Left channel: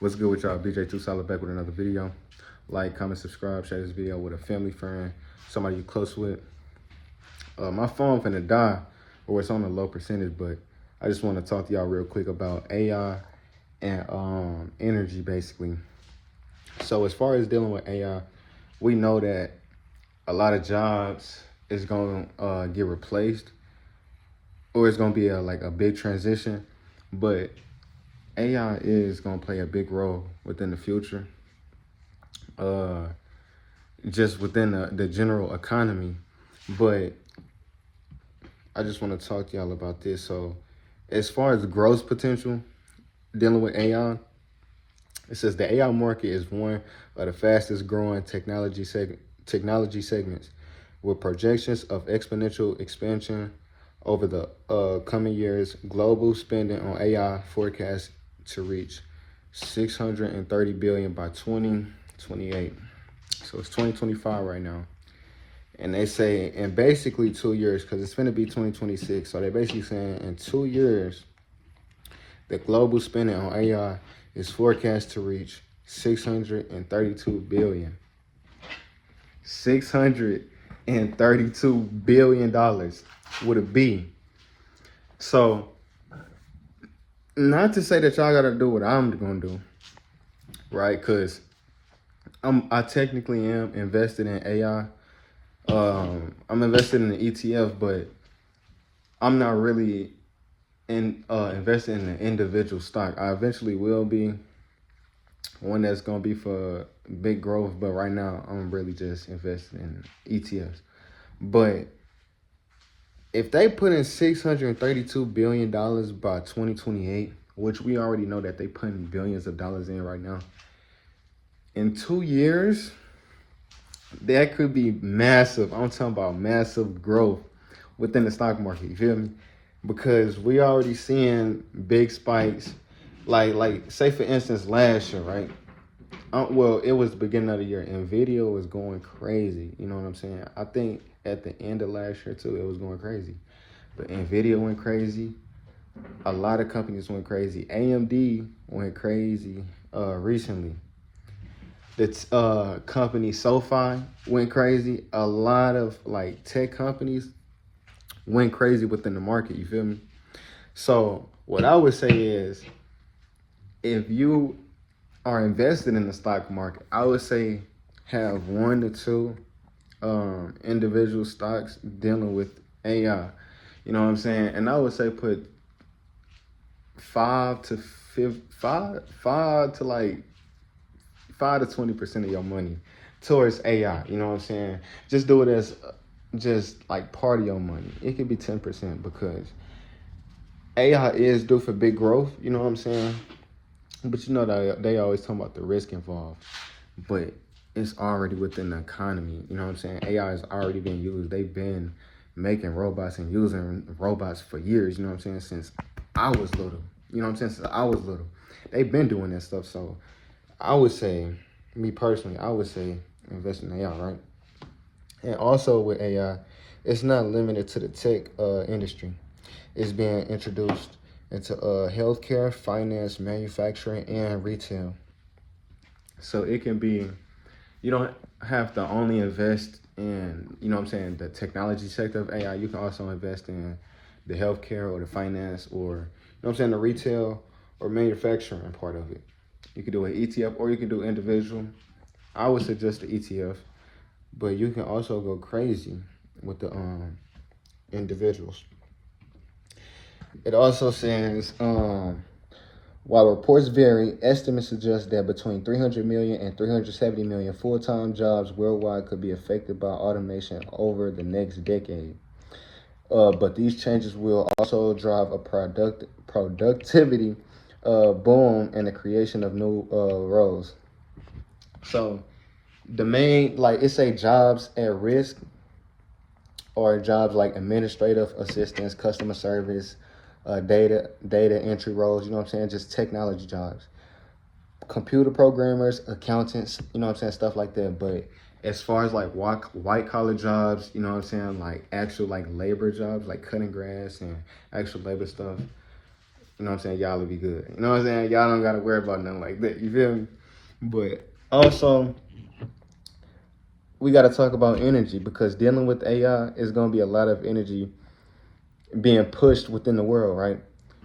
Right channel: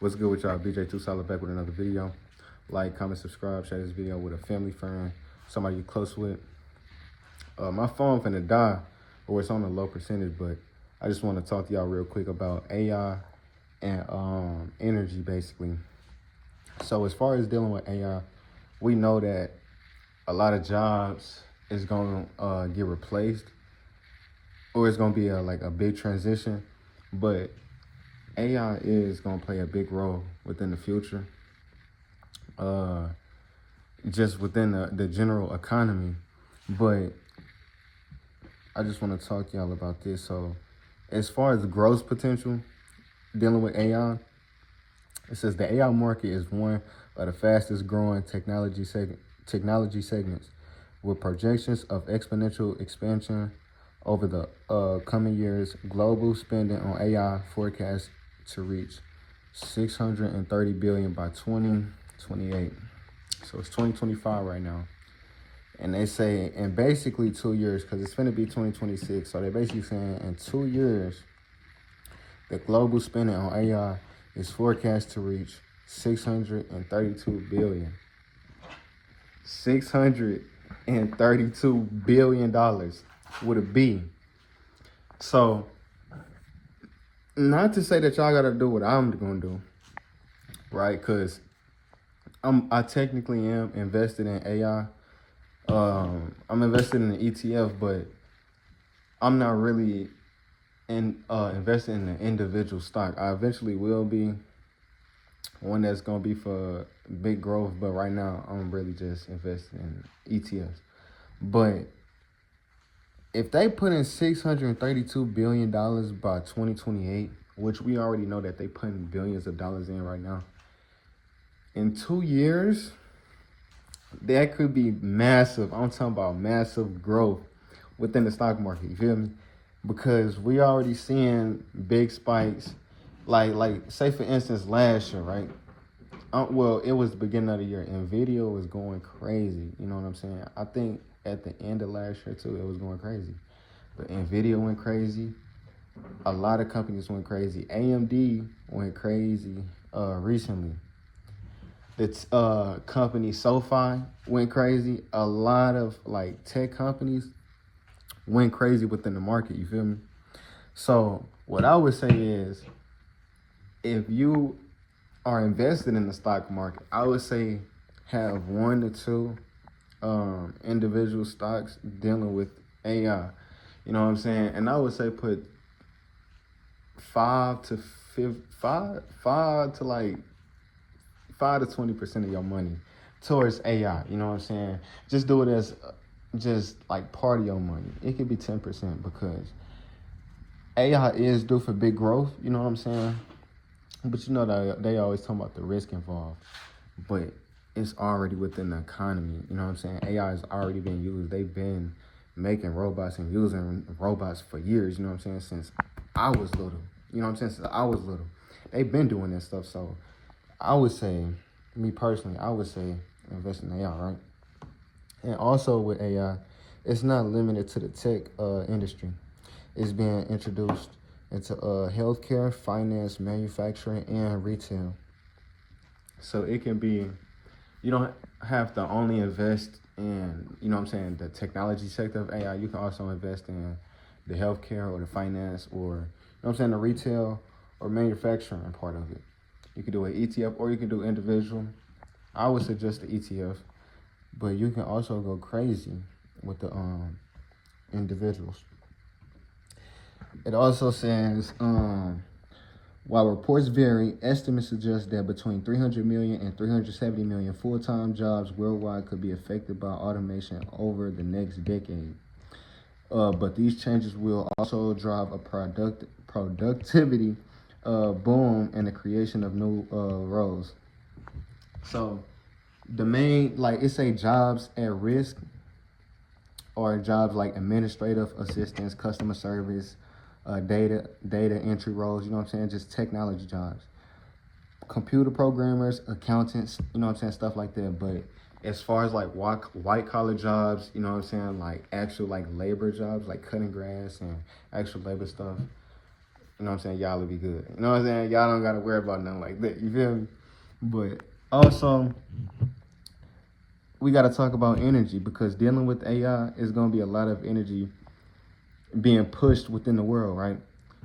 What's good with y'all? BJ Too Solid back with another video. Like, comment, subscribe, share this video with a family friend, somebody you close with. My phone finna die, or it's on a low percentage, but I just want to talk to y'all real quick about AI and energy, basically. So as far as dealing with AI, we know that a lot of jobs is gonna get replaced, or it's gonna be like a big transition, but AI is gonna play a big role within the future, just within the general economy. But I just want to talk to y'all about this. So as far as growth potential dealing with AI, it says the AI market is one of the fastest growing technology segments, with projections of exponential expansion over the coming years. Global spending on AI forecast to reach 630 billion by 2028. So it's 2025 right now. And they say in basically 2 years, because it's gonna be 2026. So they're basically saying in 2 years, the global spending on AI is forecast to reach 632 billion. $632 billion with a B. So not to say that y'all gotta do what I'm gonna do, right? Because I technically am invested in AI. I'm invested in the ETF, but I'm not really invested in the individual stock. I eventually will be one that's gonna be for big growth, but right now I'm really just invested in ETFs. But if they put in $632 billion by 2028, which we already know that they putting billions of dollars in right now, in 2 years, that could be massive. I'm talking about massive growth within the stock market. You feel me? Because we already seeing big spikes. Like say for instance last year, right? Well, it was the beginning of the year. Nvidia was going crazy. You know what I'm saying? I think at the end of last year too, it was going crazy. But Nvidia went crazy. A lot of companies went crazy. AMD went crazy recently. The company SoFi went crazy. A lot of like tech companies went crazy within the market. You feel me? So what I would say is, if you are invested in the stock market, I would say have 1 to 2 individual stocks dealing with AI. You know what I'm saying? And I would say put 5 to 20% of your money towards AI. You know what I'm saying? Just do it as just like part of your money. It could be 10% because AI is due for big growth. You know what I'm saying? But you know that they always talk about the risk involved. But it's already within the economy. You know what I'm saying? AI is already being used. They've been making robots and using robots for years. You know what I'm saying? Since I was little. You know what I'm saying? Since I was little. They've been doing this stuff. So I would say, me personally, I would say invest in AI, right? And also with AI, it's not limited to the tech industry. It's being introduced into healthcare, finance, manufacturing, and retail. So it can be, you don't have to only invest in, you know what I'm saying, the technology sector of AI. You can also invest in the healthcare or the finance or, you know what I'm saying, the retail or manufacturing part of it. You can do an ETF or you can do individual. I would suggest the ETF, but you can also go crazy with the individuals. It also says, while reports vary, estimates suggest that between 300 million and 370 million full-time jobs worldwide could be affected by automation over the next decade. But these changes will also drive a productivity boom and the creation of new roles. So the main, like it say jobs at risk, or jobs like administrative assistants, customer service, data entry roles, you know what I'm saying? Just technology jobs. Computer programmers, accountants, you know what I'm saying? Stuff like that. But as far as like white collar jobs, you know what I'm saying? Like actual like labor jobs, like cutting grass and actual labor stuff, you know what I'm saying, y'all will be good. You know what I'm saying? Y'all don't gotta worry about nothing like that. You feel me? But also, we gotta talk about energy, because dealing with AI is gonna be a lot of energy being pushed within the world, right?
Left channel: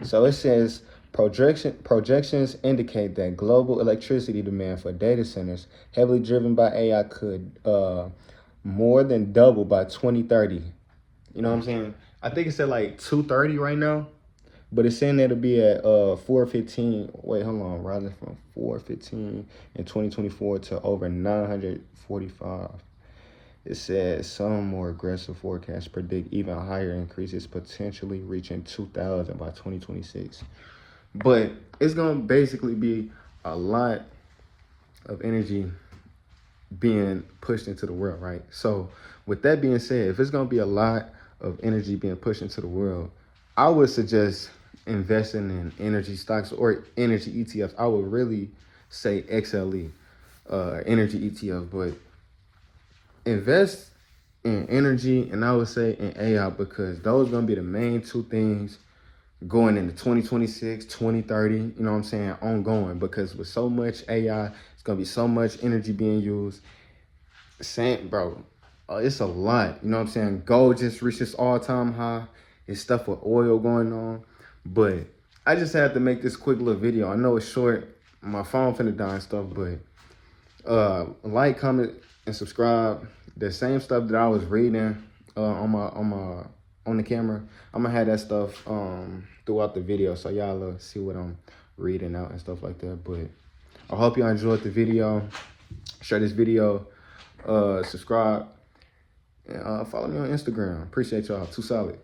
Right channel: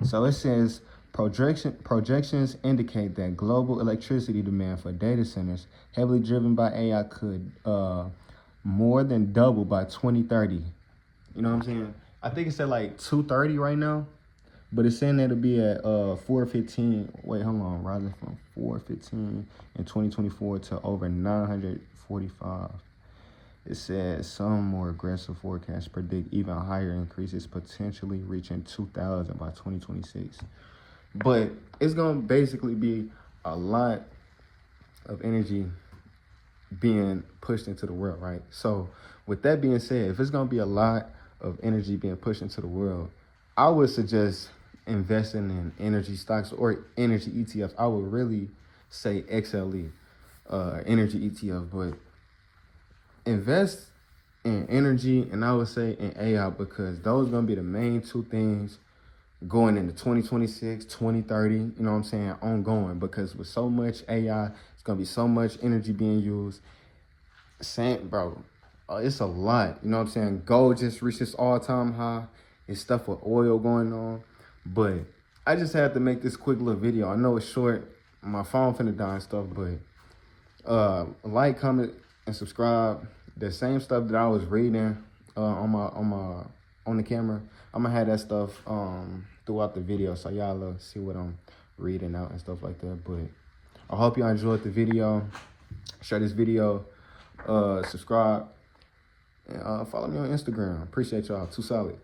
So it says projections indicate that global electricity demand for data centers heavily driven by AI could more than double by 2030. You know what I'm saying? I think it said like 230 right now, but it's saying it'll be at 415. Wait, hold on, rather from 415 in 2024 to over 945. It says some more aggressive forecasts predict even higher increases, potentially reaching 2,000 by 2026. But it's gonna basically be a lot of energy being pushed into the world, right? So with that being said, if it's gonna be a lot of energy being pushed into the world, I would suggest investing in energy stocks or energy ETF. I would really say XLE, energy ETF, but invest in energy, and I would say in AI, because those are gonna be the main two things going into 2026, 2030, you know what I'm saying, ongoing, because with so much AI, it's gonna be so much energy being used. Same, bro, it's a lot, you know what I'm saying? Gold just reached its all-time high. It's stuff with oil going on, but I just had to make this quick little video. I know it's short, my phone finna die and stuff, but like, comment, and subscribe. The same stuff that I was reading on the camera, I'm gonna have that stuff throughout the video, so y'all see what I'm reading out and stuff like that. But I hope y'all enjoyed the video. Share this video, subscribe, and follow me on Instagram. Appreciate y'all. Too solid.